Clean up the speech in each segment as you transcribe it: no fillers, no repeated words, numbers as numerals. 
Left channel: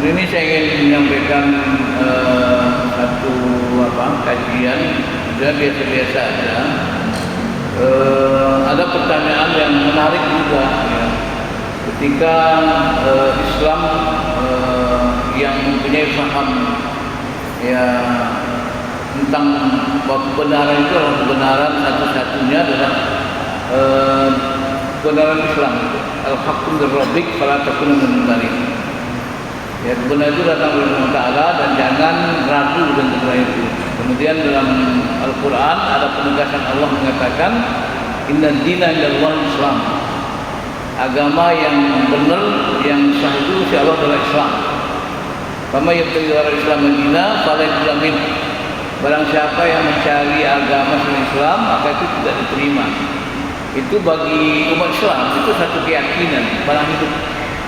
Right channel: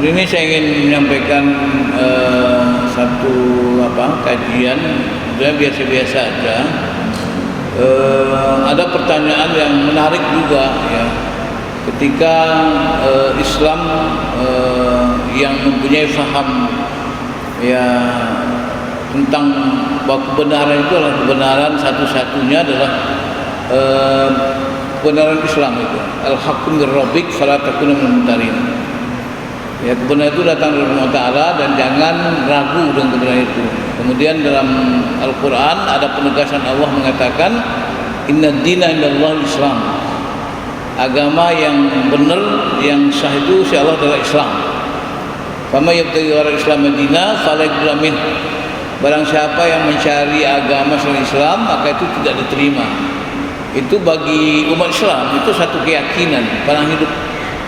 Hari ini saya ingin menyampaikan satu kajian, dia biasa-biasa aja. Ada pertanyaan yang menarik juga ya. Ketika Islam yang mempunyai paham ya tentang bahwa kebenaran itu adalah kebenaran satu-satunya adalah kebenaran Islam itu. Al-haqqu min rabbik fala takuna minal mumtarin. Ya, kebenaran itu datang dari Allah Ta'ala dan jangan ragu dengan kebenaran itu. Kemudian dalam Al-Quran ada penegasan Allah mengatakan inna dina indallah Islam. Agama yang benar, yang sah itu insya Allah adalah Islam. Kama yabtaghi ghairal Islam dina fala yuqbal min. Barang siapa yang mencari agama selain Islam maka itu tidak diterima. Itu bagi umat Islam itu satu keyakinan pada hidup.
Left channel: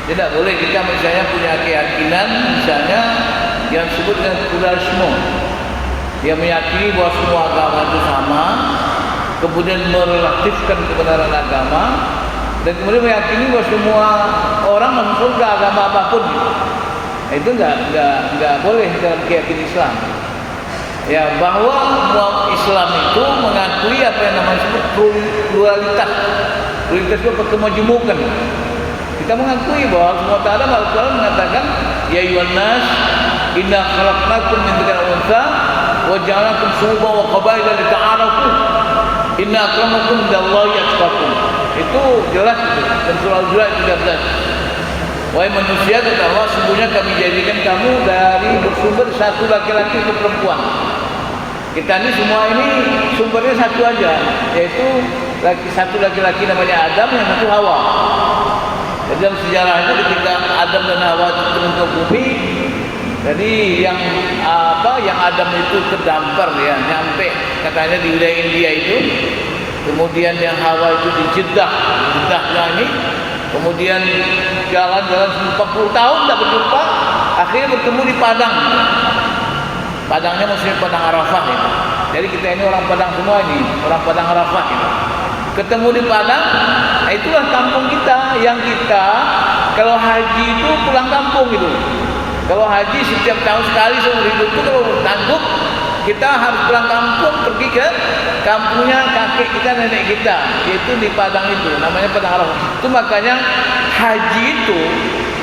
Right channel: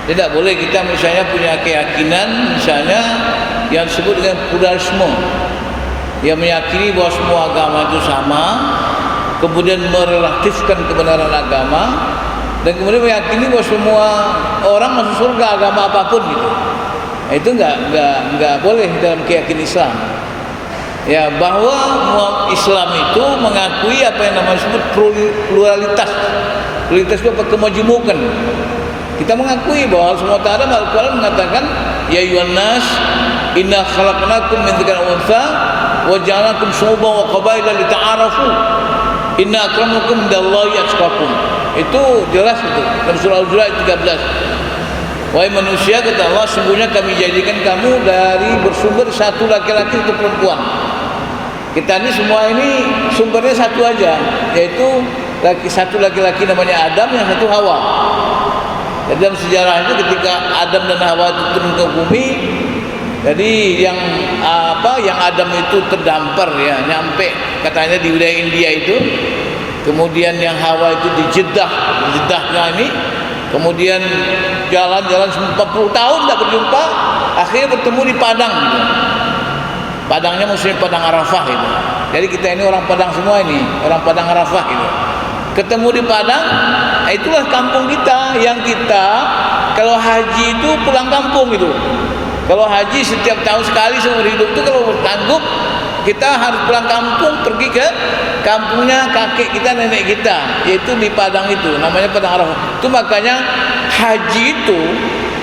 Tidak boleh kita misalnya punya keyakinan misalnya yang disebut dengan pluralisme, yang meyakini bahwa semua agama itu sama, kemudian merelatifkan kebenaran agama, dan kemudian meyakini bahwa semua orang masuk surga agama apapun gitu. Itu enggak boleh dalam keyakinan Islam. Ya, bahwa Islam itu mengakui apa yang namanya disebut pluralitas. Pluralitas itu kemajemukan. Kita mengakui bahwa semua Ta'ala Al-Quran mengatakan ya ayyuhan nas inna khalaqnakum min dzakarin wa untha wa ja'alnakum syu'uban wa qabaila lita'arafu inna akramakum indallahi atqakum. Itu jelas itu dalam surah Al-Hujurat 13. Wahai manusia, kata Allah, sungguhnya kami jadikan kamu dari bersumber satu laki-laki untuk perempuan. Kita ini semua ini sumbernya satu aja, yaitu satu laki-laki namanya Adam, yang satu Hawa. Jadi dalam sejarah itu ketika Adam dan Hawa itu turun ke bumi, jadi yang Adam itu terdampar ya, nyampe katanya di wilayah India itu. Kemudian yang Hawa itu di Jeddahnya ini. Kemudian jalan-jalan 40 tahun tidak berjumpa, akhirnya bertemu di Padang. Padangnya maksudnya Padang Arafah itu. Jadi kita ini orang Padang semua ini, orang Padang Arafah itu. Ketemu di Padang, itulah kampung kita. Yang kita kalau haji itu pulang kampung gitu. Kalau haji setiap tahun sekali seumur hidup itu kalau bertangguh kita harus pulang kampung, pergi ke kampungnya kakek kita, nenek kita, yaitu di Padang itu, namanya Padang Arafah. Itu makanya haji itu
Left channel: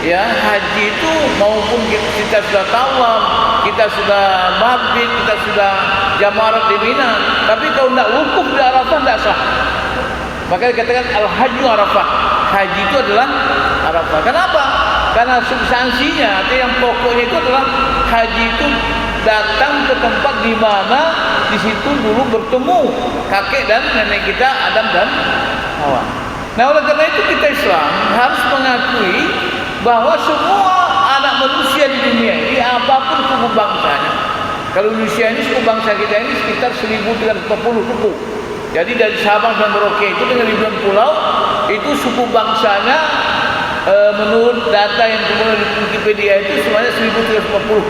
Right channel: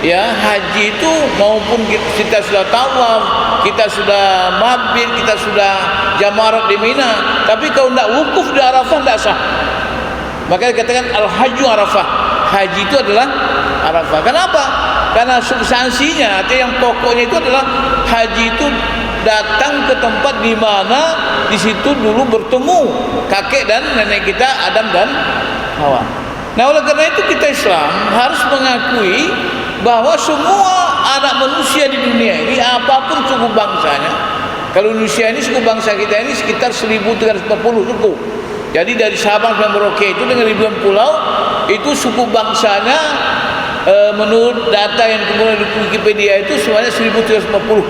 ya, haji itu maupun kita sudah tawaf, kita sudah mabit, kita sudah jamarat di Mina, tapi kalau tidak wukuf di Arafah tidak sah. Makanya dikatakan al-hajju Arafah. Haji itu adalah Arafah. Kenapa? Karena substansinya atau yang pokoknya itu adalah haji itu datang ke tempat di mana di situ dulu bertemu kakek dan nenek kita Adam dan Hawa. Nah, oleh karena itu kita Islam harus mengakui bahwa semua anak manusia di dunia ini apapun suku bangsanya. Kalau Indonesia ini suku bangsa kita ini sekitar 1340 suku. Jadi dari Sabang sampai Merauke itu dengan ribuan pulau, itu suku bangsanya menurut data yang kemudian di Wikipedia itu semuanya 1350.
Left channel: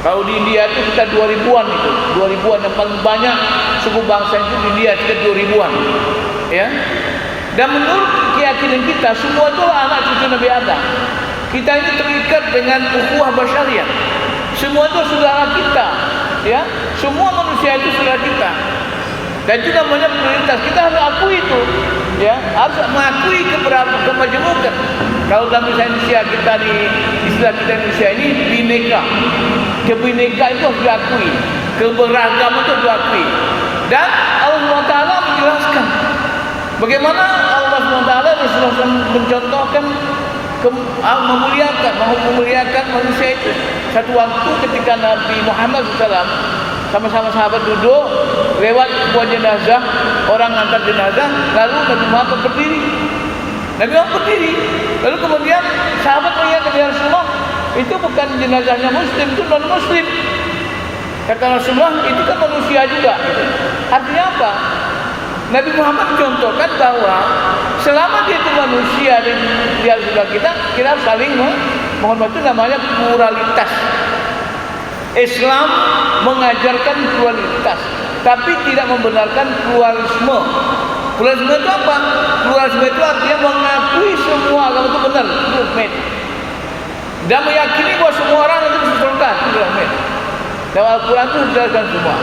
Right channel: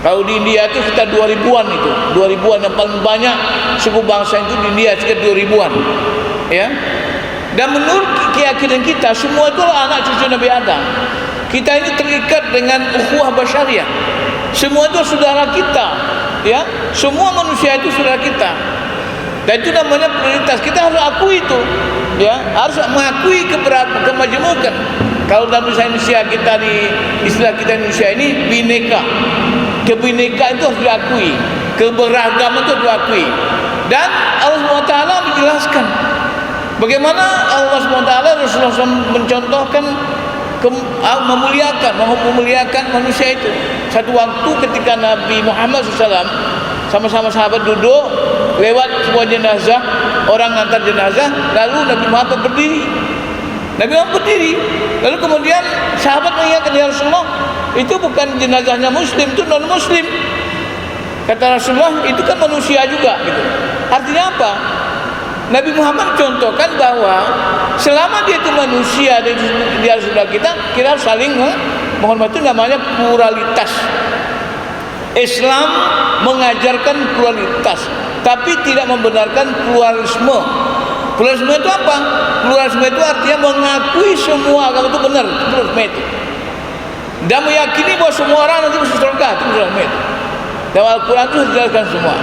Kalau di India itu sekitar 2000-an itu, 2000-an yang paling banyak suku bangsa itu di India sekitar 2000-an. Ya. Dan menurut keyakinan kita semua itu anak cucu Nabi Adam. Kita ini terikat dengan ukhuwah basyariah. Semua itu saudara kita, ya. Semua manusia itu saudara kita. Dan itu namanya prioritas. Kita harus akui itu, ya, harus mengakui kemajemukan. Kalau dalam Indonesia kita di istilah kita Indonesia ini bineka. Kebinekaan itu harus diakui, keberagaman itu harus diakui. Dan Allah Ta'ala menjelaskan bagaimana Allah SWT Rasulullah SAW mencontohkan memuliakan manusia itu. Satu waktu ketika Nabi Muhammad SAW sama-sama sahabat duduk lewat sebuah jenazah, orang antar jenazah, lalu Nabi Muhammad berdiri. Lalu kemudian sahabat mengingatkan, ya Rasulullah, itu bukan jenazahnya muslim, itu non muslim. Kata Rasulullah, itu kan manusia juga gitu. Artinya apa? Nabi Muhammad contohkan bahwa selama dia itu manusia, dia saudara kita harus saling menghormati. Itu namanya pluralitas. Islam mengajarkan pluralitas, tapi tidak membenarkan pluralisme. Pluralisme itu apa? Pluralisme itu artinya mengakui semua agama itu benar. Pluralisme itu. dan meyakini bahwa semua orang nanti masuk surga. Itu dalam dalam Al-Quran itu dijelaskan semua.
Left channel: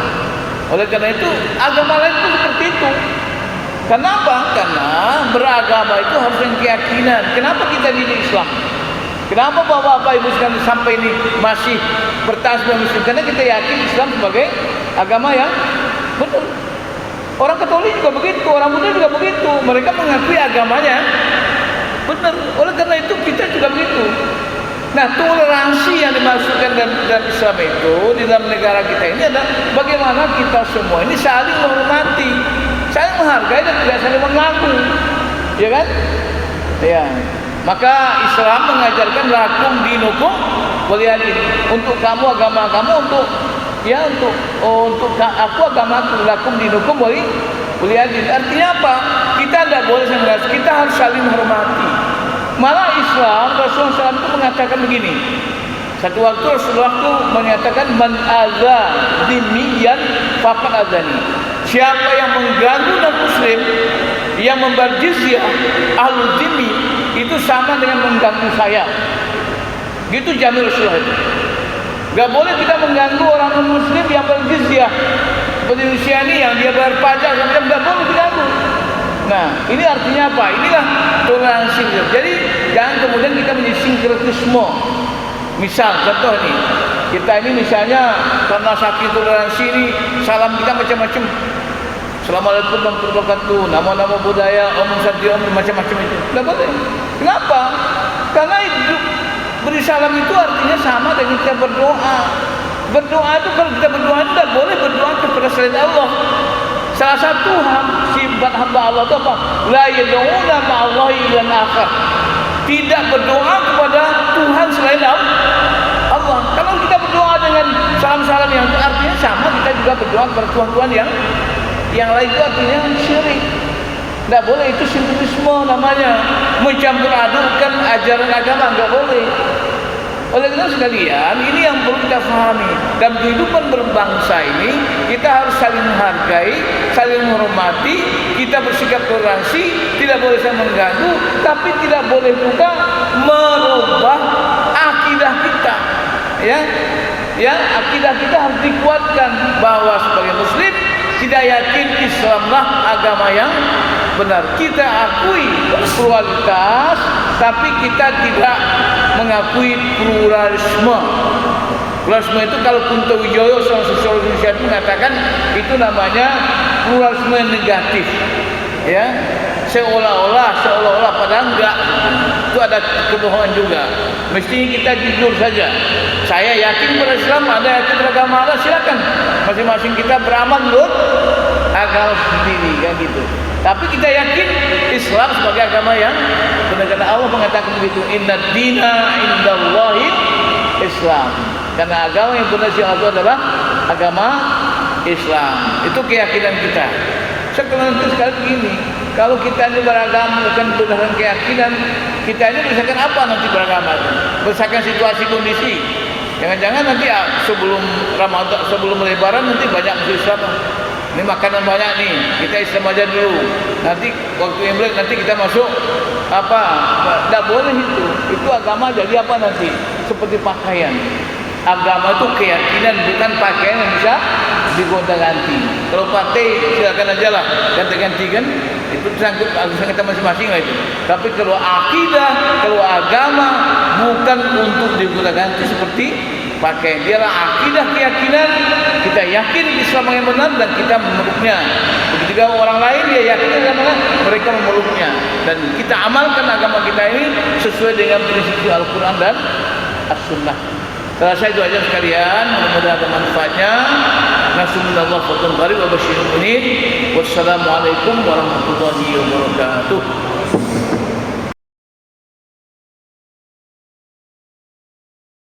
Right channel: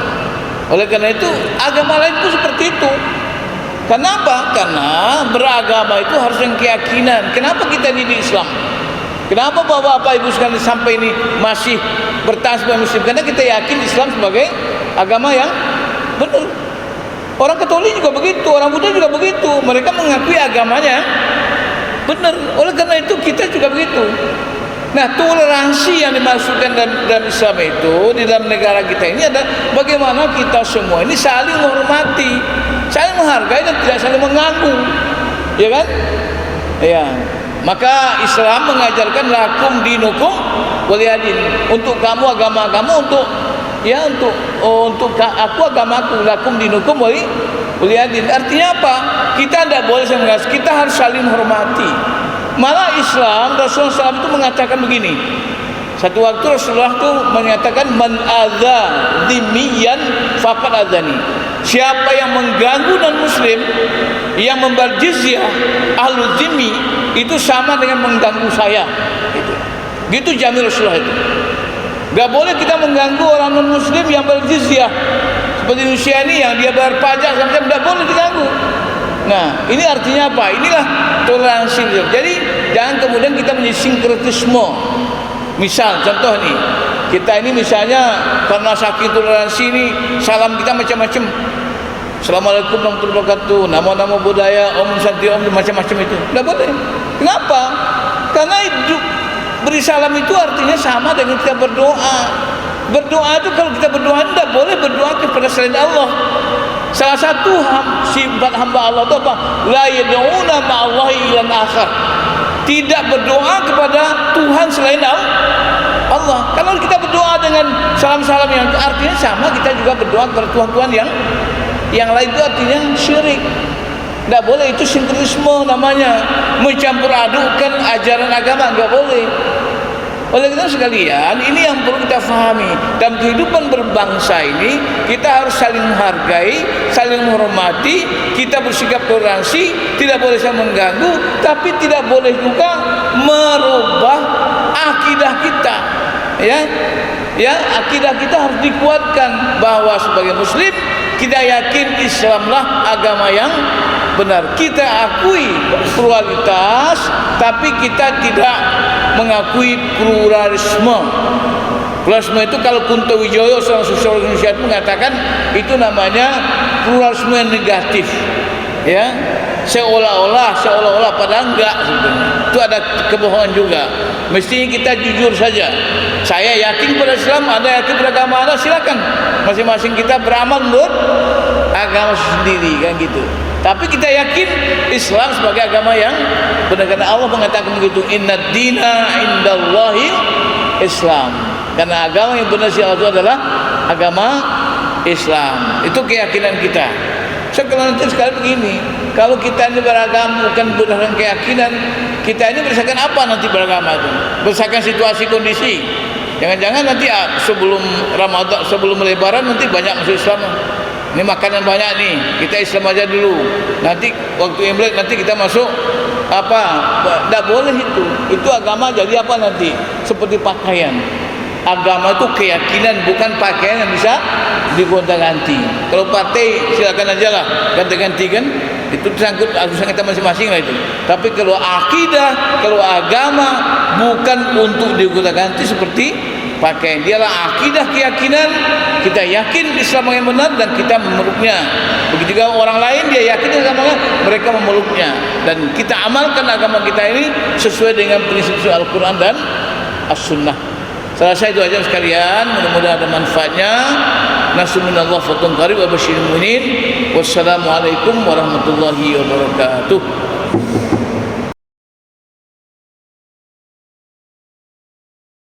Oleh karena itu agama lain itu seperti itu. Kenapa? Karena beragama itu harus dengan keyakinan. Kenapa kita di Islam? Kenapa bapak-bapak ibu sekalian sampai ini masih bertahan sebagai Muslim? Karena kita yakin Islam sebagai agama yang benar. Orang Katolik juga begitu, orang Buddha juga begitu. Mereka mengakui agamanya benar. Oleh karena itu kita juga begitu. Nah, toleransi yang dimaksudkan dalam Islam itu di dalam negara kita ini adalah bagaimana kita semua ini saling menghormati, saling menghargai dan tidak saling mengganggu, ya kan? Ya. Maka Islam mengajarkan lakum dinukum waliyadin. Untuk kamu agama kamu, untuk aku agamaku, lakum dinukum waliyadin. Artinya apa? Kita tidak boleh sama, kita harus saling menghormati. Malah Islam, Rasulullah SAW itu mengatakan begini. Satu waktu Rasulullah itu menyatakan man adza dhimmiyan faqad adzani. Siapa yang mengganggu non-muslim, yang membayar jizyah, ahlul dhimmi, itu sama dengan mengganggu saya. Gitu jamin Rasulullah itu. Gak boleh kita mengganggu orang non-muslim yang berjizyah. Seperti Rusia ini yang dia bayar pajak, tidak boleh diganggu. Nah, ini artinya apa? Inilah toleransi. Jadi jangan kemudian kita menjadi sinkretisme. Misal, contoh nih, kita ini misalnya karena saking toleransi ini, salam kita macam-macam. Assalamualaikum warahmatullahi wabarakatuh, nama-nama budaya, om santi om, macam-macam itu. Tidak boleh. Kenapa? Karena beri salam itu artinya sama dengan kita berdoa. Berdoa itu kalau kita berdoa tidak boleh berdoa kepada selain Allah. Salah satu sifat hamba Allah itu apa? La yad'una ma'allahi ilan akhar. Tidak berdoa kepada Tuhan selain Allah. Kalau kita berdoa dengan salam-salam yang itu artinya sama, kita juga berdoa kepada Tuhan-Tuhan yang lain, itu artinya syirik. Tidak boleh, itu sinkretisme namanya. Mencampur adukkan ajaran agama, tidak boleh. Oleh karena sekalian, ini yang perlu kita pahami. Dalam kehidupan berbangsa ini, kita harus saling menghargai, saling menghormati, kita bersikap toleransi, tidak boleh saling mengganggu, tapi tidak boleh juga merubah akidah kita. Ya, akidah kita harus dikuatkan bahwa sebagai Muslim kita yakin Islamlah agama yang benar. Kita akui pluralitas, tapi kita tidak mengakui pluralisme. Pluralisme itu kalau Kunto Wijoyo, seorang sosiolog Indonesia itu mengatakan itu namanya pluralisme negatif. Ya, seolah-olah padahal enggak. Itu ada kebohongan juga. Mestinya kita jujur saja. Saya yakin pada Islam, Anda yakin pada agama Anda, silakan. Masing-masing kita beramal menurut agama sendiri, kan gitu. Tapi kita yakin Islam sebagai agama yang benar, karena Allah mengatakan begitu, inna dina indallahi Islam. Karena agama yang benar sih Allah adalah agama Islam. Itu keyakinan kita. Sekarang sekali begini, kalau kita ini beragama bukan berdasarkan keyakinan, kita ini berdasarkan apa nanti beragama itu? Berdasarkan situasi kondisi. Jangan-jangan nanti sebelum Ramadan, sebelum Lebaran nanti banyak masuk Islam. Ini makanan banyak nih, kita Islam aja dulu. Nanti waktu Imlek nanti kita masuk apa? Tidak boleh itu. Itu agama jadi apa nanti? Seperti pakaian. Agama itu keyakinan, bukan pakaian yang bisa digonta-ganti. Kalau partai silakan aja lah ganti-ganti kan, itu tersangkut urusan kita masing-masing lah itu. Tapi kalau akidah, kalau agama bukan untuk digonta-ganti seperti pakaian. Dialah akidah, keyakinan. Kita yakin Islam yang benar dan kita memeluknya. Begitu juga orang lain dia yakin agamanya, mereka memeluknya. Dan kita amalkan agama kita ini sesuai dengan prinsip Al-Quran dan As-Sunnah. Saya rasa itu aja sekalian, mudah-mudahan ada manfaatnya. Nasrullah fatun qarib wa basyiril mu'minin. Wassalamualaikum warahmatullahi wabarakatuh.